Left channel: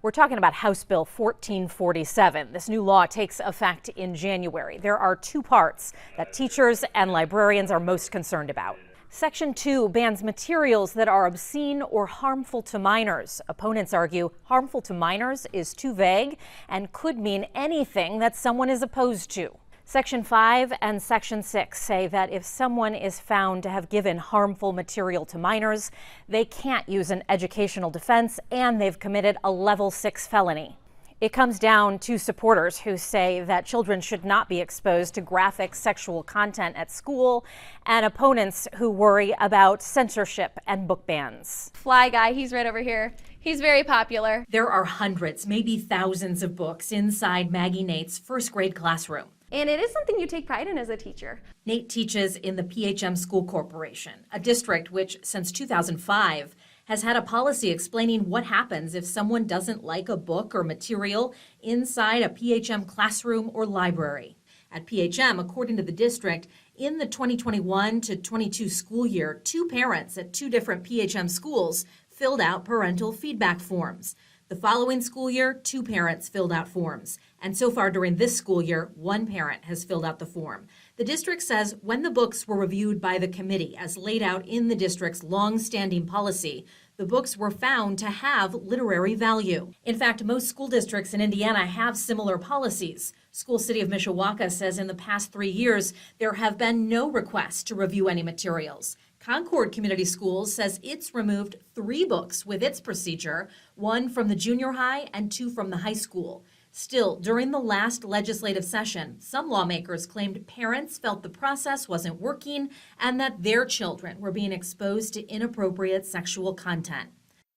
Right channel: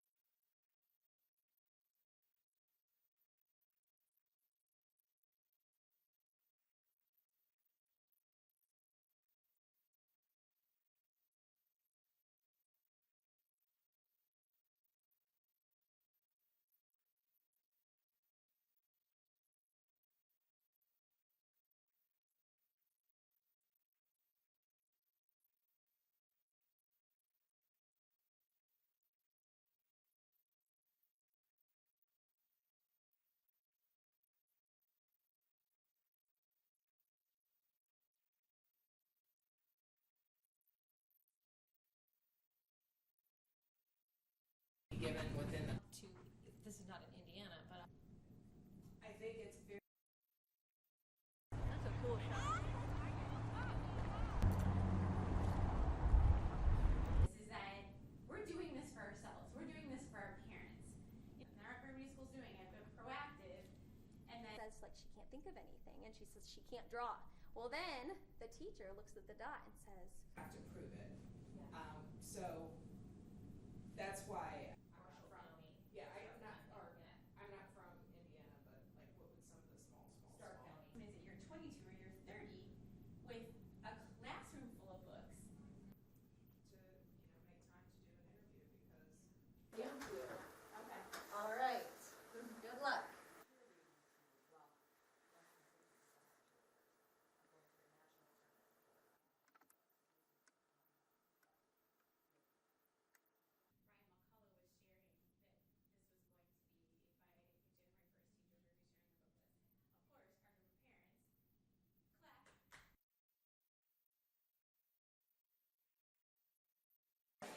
We're talking about House Bill 1447. This new law takes effect in January. There are two parts that teachers and librarians are most concerned about. Section 2 bans materials that are obscene or harmful to minors. Opponents argue harmful to minors is too vague and could mean anything that someone is opposed to. Section 5 and Section 6 say that if someone is found to have given harmful material to minors, they can't use an educational defense and they've committed a level 6 felony. It comes down to supporters who say that children should not be exposed to graphic sexual content at school, and opponents who worry about censorship and book bans. Fly guy, he's right over here. He's very popular. There are hundreds, maybe thousands of books inside Maggie Nate's first grade classroom. And it is something you take pride in as a teacher. Nate teaches in the PHM School Corporation, a district which, since 2005, has had a policy explaining what happens if someone doesn't like a book or material inside a PHM classroom or library. At PHM, according to the district, in the 2021 to 22 school year, 2 parents at 2 different PHM schools filled out parental feedback forms. The following school year, 2 parents filled out forms. And so far during this school year, 1 parent has filled out the form. The district says when the books were reviewed by the committee as laid out in the district's long-standing policy, the books were found to have literary value. In fact, most school districts in Indiana have similar policies. School City of Mishawaka says in the past 3 years, there have been no requests to review any materials. Concord Community Schools says it's removed 3 books with its procedure, 1 from the junior high and 2 from the high school. Still, during the last legislative session, some lawmakers claimed parents felt the process wasn't working and that their children were being exposed to inappropriate sexual content.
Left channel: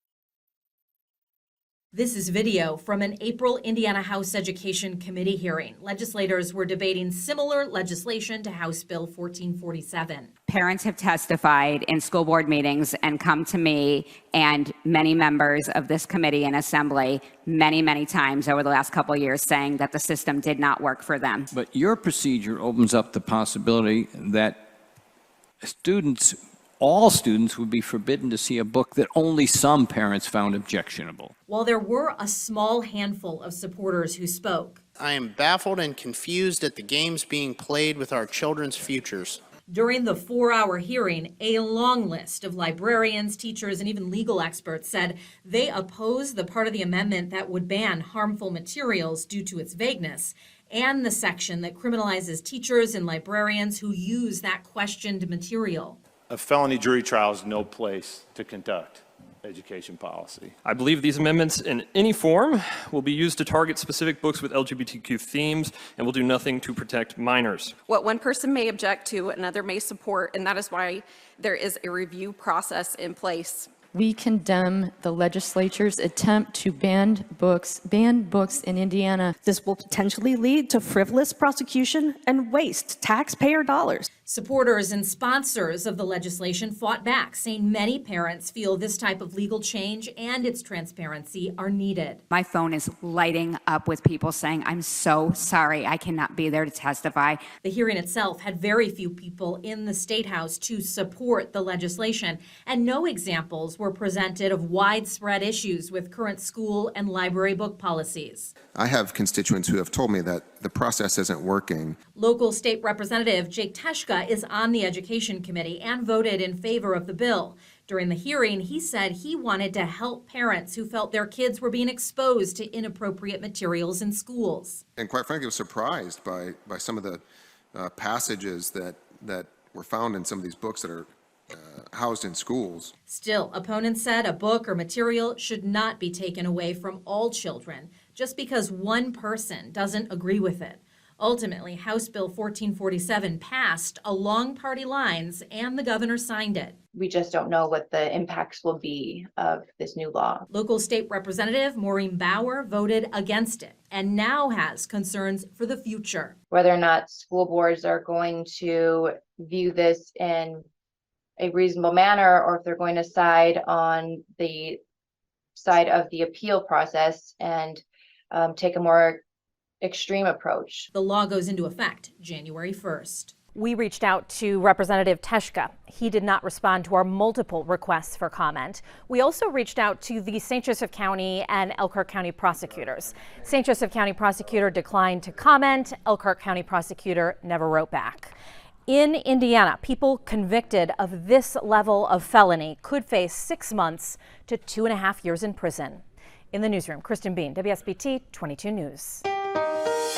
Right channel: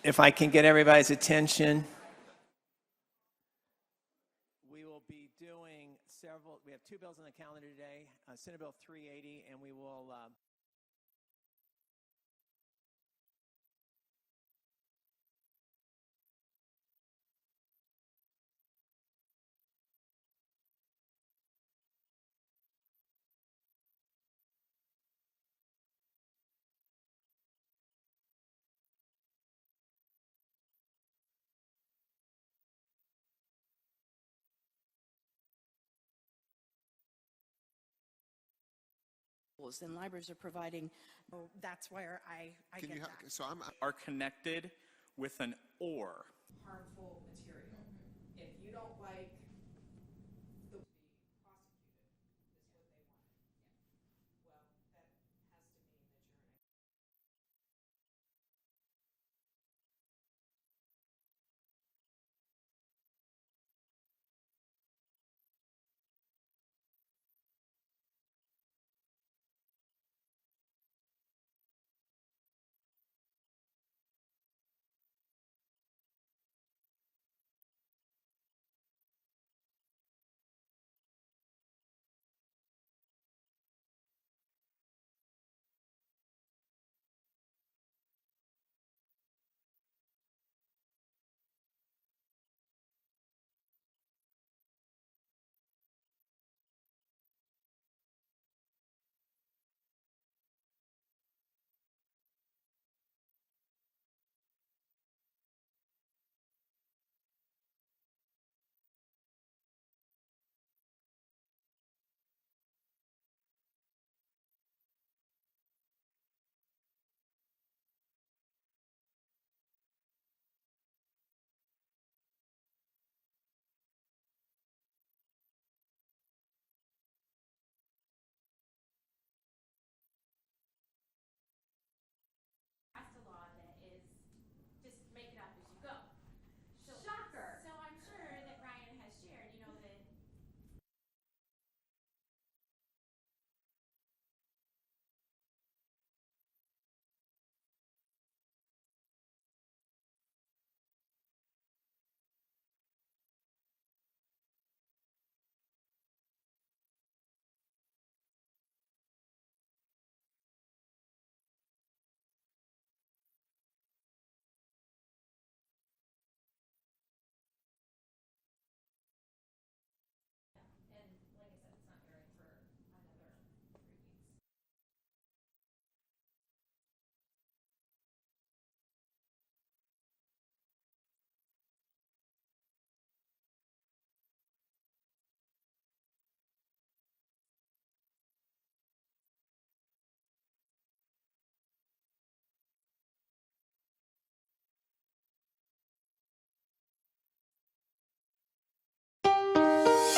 If I can get everybody's attention. This is video from an April Indiana House Education Committee hearing. Legislators were debating similar legislation to House Bill 1447. Parents have testified in school board meetings and come to me and many members of this committee and assembly many times over the last couple of years saying that the system did not work for them. But your procedure opens up the possibility that all students would be forbidden to see a book that only some parents found objectionable. While there were a small handful of supporters who spoke, I am baffled and confused at the games being played with our children's futures. during the 4-hour hearing, a long list of librarians, teachers, and even legal experts said they oppose the part of the amendment that would ban harmful materials due to its vagueness, and the section that criminalizes teachers and librarians who use that questioned material. A felony jury trial is no place to conduct education policy. I believe these amendments in any form will be used to target specific books with LGBTQ themes and will do nothing to protect minors. What one person may object to, another may support, and that is why there is a review process in place. We condemn the legislature's attempt to ban books in Indiana. This will potentially lead to frivolous prosecution and waste taxpayer dollars. Supporters and sponsors of the legislation fought back, saying many parents feel this type of legal change and its transparency are needed. My phone is lighting up with people saying, I'm so sorry, I cannot be there to testify. The hearing itself had very few people in the State House to support the legislation, and no examples were presented of widespread issues with current school and library book policies. I have constituents who have told me that the process isn't working. Local state representative Jake Teshka is on the Education Committee and voted in favor of the bill. During the hearing, he said he wanted to help parents who felt their kids were being exposed to inappropriate materials in schools. And quite frankly, I was surprised by some of the passages that were found in some of these books that are housed in schools. Still, opponents said a book or material should not be taken away from all children just because one person doesn't agree with it. Ultimately, House Bill 1447 passed along party lines and the governor signed it. We just don't know what the impacts will be of this new law. Local state representative Maureen Bauer voted against it and now has concerns for the future. Whether or not school boards are going to view this in a reasonable manner or if they're going to side on the side of the appeal process and take a more extreme approach. The law goes into effect January 1st. We reached out to Representative Teshka. He did not respond to our multiple requests for comment. We also reached out to the St. Joseph County and Elkhart County prosecutors. St. Joseph County prosecutor declined to comment. Elkhart County prosecutor never wrote back. In Indiana, people convicted of this level of felony could face 6 months to 2.5 years in prison. In the newsroom, Kristen Bean, WSBT 22 News.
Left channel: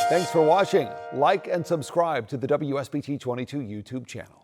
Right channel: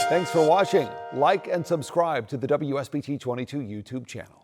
Thanks for watching. Like and subscribe to the WSBT 22 YouTube channel.